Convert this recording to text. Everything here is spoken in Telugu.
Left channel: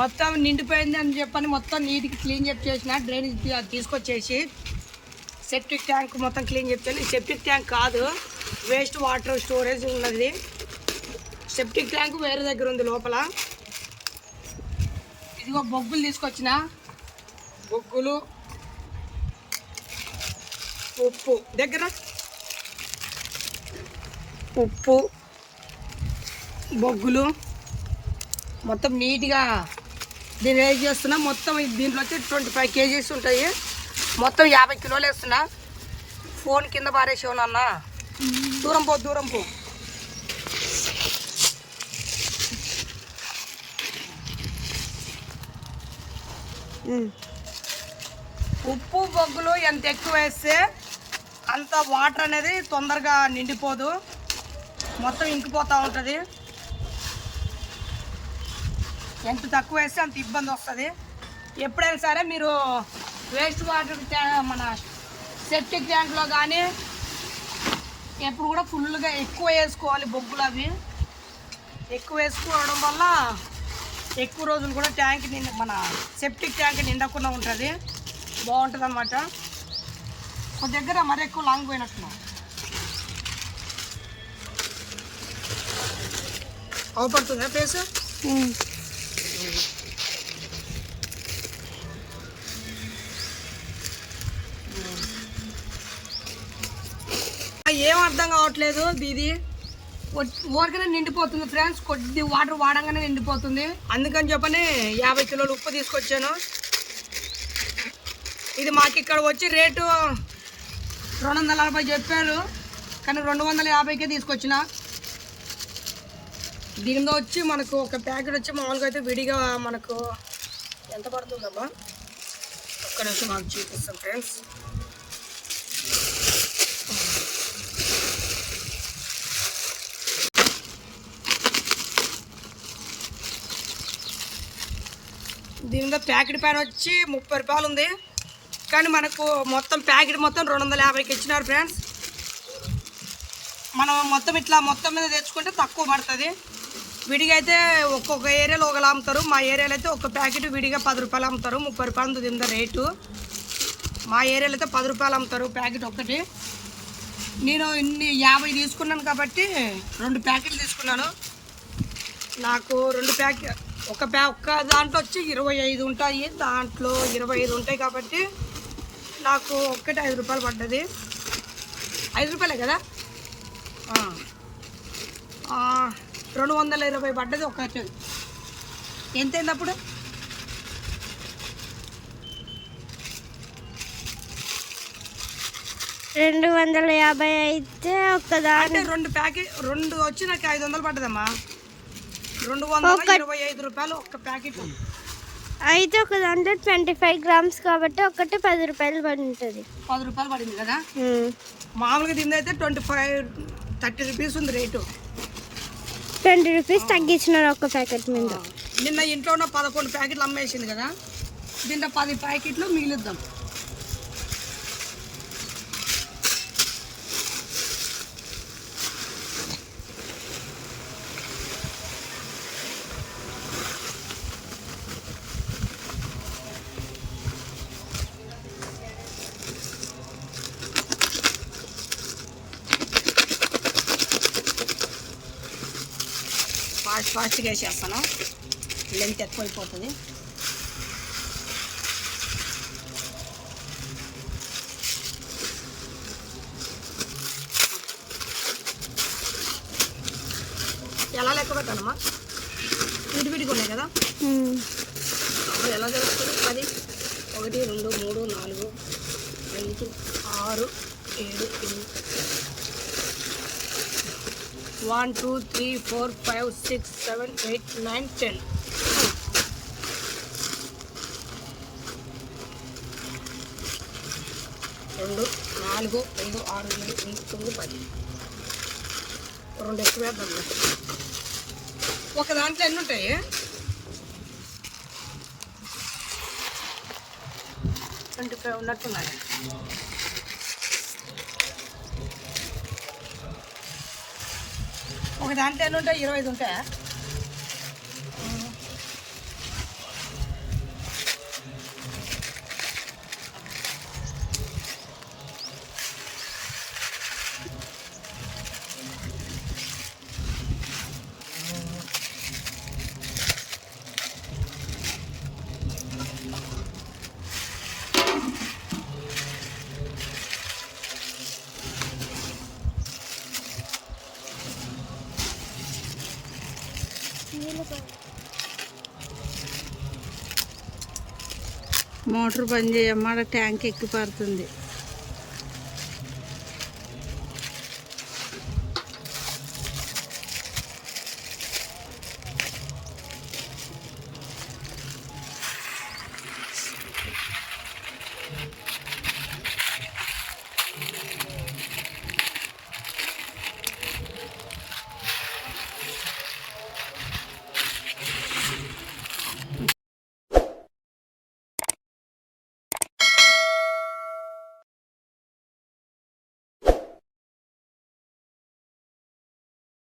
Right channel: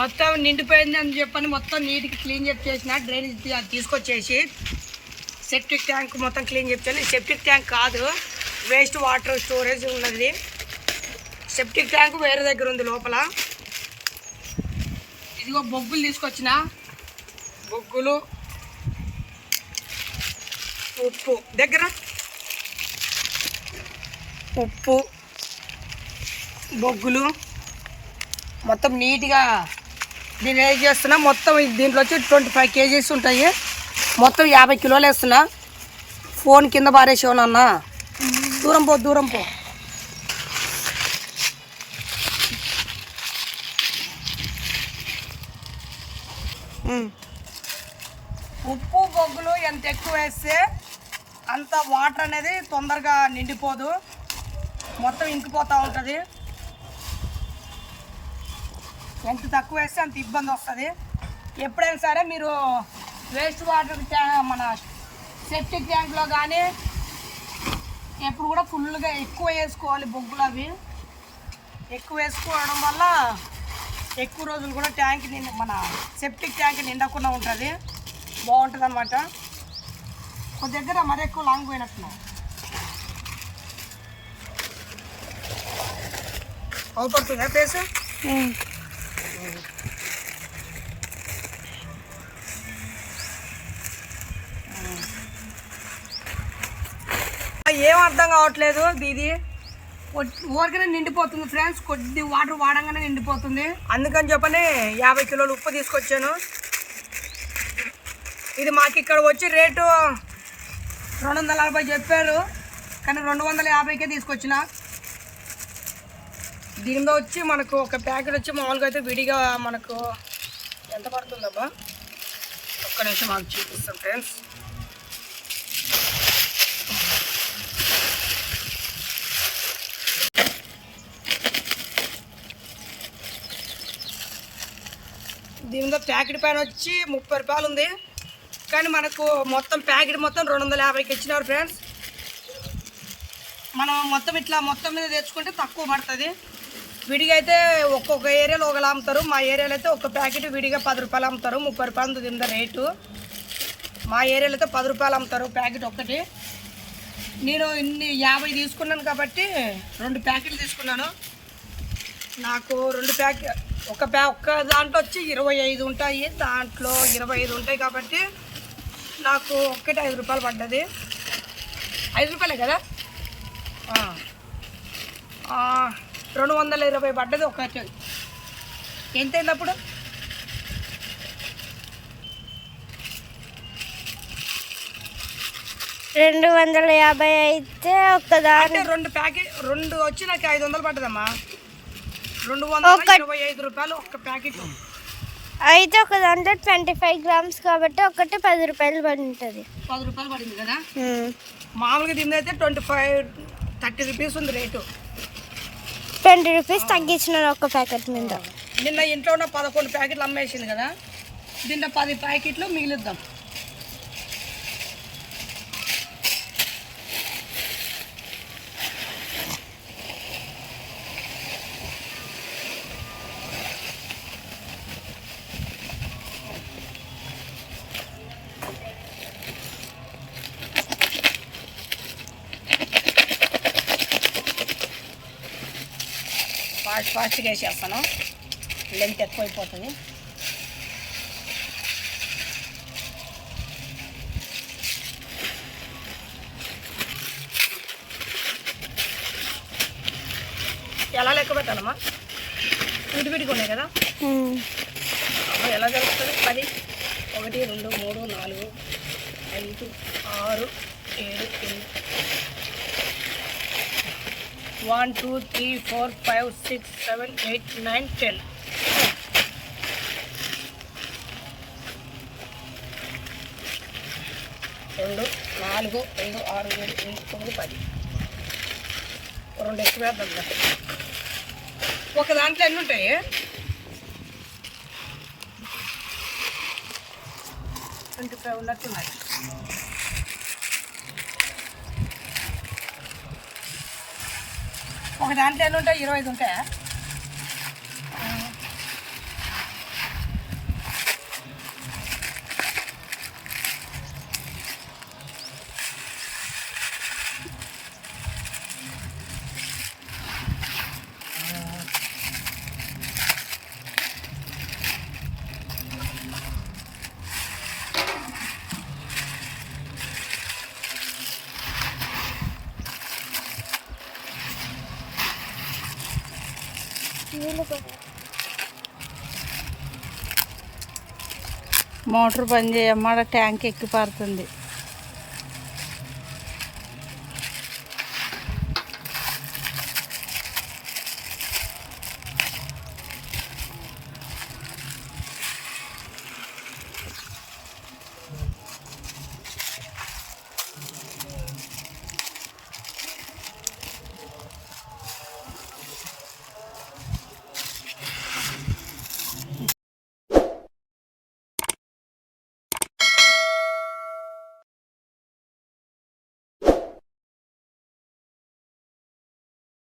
మొత్తం నిండిపోయింది అని చెప్పని మొత్తం నీట్గా క్లీన్ చెప్పి చేసిన డ్రైనేజ్ తీసుకొచ్చేసి సెప్టిక్ ట్యాంక్ మొత్తం క్లీన్ చెప్పాను సెప్టిక్ ట్యాంక్ కాదు వేస్ట్ వాటర్ స్టోరేజ్ ఉన్నది. సెప్టిక్ ట్యాంక్ వేరే దగ్గర ఉంది లోపల. ఇదిగో బొగ్గులు తీసుకొచ్చిన. బొగ్గులు ఉప్పు. దగ్గర. ఉప్పు బొగ్గులు మొత్తం నీట్గా దీన్ని ఏం చేస్తున్నా. మొత్తం దీంట్లో వచ్చి ట్వంటీ ఫైవ్ కేజీస్ ఉంటాయి. మొత్తం యాభై కిలోలు వేస్తున్నా. ఫోన్ కింద పారేసేవను అన్న. దూరం పో దూరం పో. ఉప్పు బొగ్గులు ఎంత ఎక్కువ వేస్తే అంత వాటర్ అనేది తొందరగా నిండిపోదు. మొత్తం ఇంకిపోతూ ఉంటుంది. ఎంత తక్కువ వేస్తే అంత ఇబ్బంది వస్తుంది. ఎప్పుడైనా సరే మీరు వేస్ట్ వాటర్ మన సెప్టిక్ ట్యాంక్లో కానీ ఎప్పుడు కూడా ఫుల్గా ఎక్కువ వేసుకోవాలి బొగ్గులు అవి. ఎక్కువ వేసుకోవడం వల్ల ఎక్కువ రోజులు కూడా ట్యాంక్ నిండి మన సెప్టిక్ ట్యాంక్ నిండకుండా ఉంటుంది. బాగుంటుంది అనమాట ఒక దగ్గర మరి ఎక్కువ లాంగ్ పోయినట్టున్నావు అవుపడుతుందా ప్లేస్ ఏం అర్థం కావట్లేదు ఇది ఊరికనే నిండిపోతుంది ఫ్రెండ్స్. కొద్ది వాటర్ వాడంగానే నిండిపోతుంది. అందుకని చెప్పని యాభై కిలోలు ఉప్పు తీసుకొచ్చాను. ఇది మాకు ఇక్కడ వచ్చి రేటు రెండు వందల నలభై చెప్పారు. కానీ రెండు వందల యాభైకే తీసుకొచ్చిన. దీనిలో వచ్చి మనకు ఒక ప్యాకెట్ వచ్చి మామూలుగా అయితే విడిగా మనకు ఎంత పడుతుందబ్బా? ఒక్క నిమిషం మాకు చూపిస్తాం ఫ్రెండ్స్. దీని మీద ప్యాకెట్ పైన వచ్చి ముప్పై రూపాయలు ఉంది. కానీ మనకు మొత్తం ప్యాకెట్ మొత్తం రెండు వందల యాభైకి ఇచ్చినారు ఫ్రెండ్స్. మనం మొత్తం ఇట్లా మొత్తం మీద తెచ్చుకుంటే తక్కువ పడుతుంది. విడిగా అయితే ఒక్కొక్క ఏరియాలో ఒకలా అమ్ముతారు. మా ఏరియాలో అయితే ఒక ప్యాకెట్ విడిగా పది రూపాయలు అమ్ముతారు. ముప్పై రూపాయలు తింద రేటు. మా ఏరియాలో అయితే పది రూపాయలు అమ్ముతారు ప్యాకెట్ ఒక్కటి. నేను ఇన్ని యాభై తీసుకున్నాను కాబట్టి రెండు ప్యాకెట్లు తీసుకున్నాను. నాకు రెండు ప్యాకెట్ ఒక ప్యా ఒక్క దాంట్లో వచ్చి ఇరవై ఐదు ఉంటాయి. దాంట్లో ఇరవై ఐదు ఉంటాయి కాబట్టి నాకు ఒక్కటి ఐదు రూపాయలు పడ్డది. ఐదు రూపాయలే కదా? రెండు వందల ఇరవై పడ్డది ఒక ఎంత అయింది అప్పుడు రెండు వందల యాభై అయితే ఒక దాని అంటే రెండు ప్యాకెట్ రెండు వచ్చి నాకు ఐదు వందలు పడ్డదమ్మా. రెండు వందల ఇరవై ఐదు రూపాయలు ఒక ప్యాకెట్. అయితే ఒక దాంట్లో ట్వంటీ ఫైవ్ గ్రామ్స్ కాబట్టి ఒకటి పది రూపాయలు పడి ఉంటుంది పది రూపాయలు పడింది కదా? మామూలుగా దీని అయితే ట్వంటీ ఫైవ్ థర్టీ రూపీస్ ఉంది రేటు. ట్వంటీ రూపీస్ తగ్గించినారు ఒక ప్యాకెట్ మీద. నిన్న ఇంట్లో ఉన్న పదకొండు ప్యాకెట్లు అమ్మేసింది కదా దీంట్లో పది ప్యాకెట్లు మిగిలిద్దాం. ఫాస్ట్ ఫాస్ట్గా వేసేస్తాను. లెంత్ ఎక్కువైపోతుంది. ఎలా లెక్క పెట్టాలమ్మా? విడివిడిగా ఉన్నాయి కదా? ఎలా జరుగుతుంది? పది ఒకటి రెండు మూడు నాలుగు ఐదు ఆరు ఏడు ఎనిమిది one two three four five six seven eight nine ten. రెండు నాలుగు ఐదు ఆరు ఏడు ఎనిమిది తొమ్మిది పది. రెండు ఎక్కువ వేద్దాం ఒక దాంట్లో ఎన్ని ఉంటాయి? ట్వంటీ ఫైవ్ ఉన్నట్టున్నాయి. ఒక దాంట్లో ఎన్ని ఉంటాయి? ఇరవై ఐదు ఉంటాయా? మోటార్ పని చేయమ్మ ట్యాంక్ ఎక్కి పారుతుంది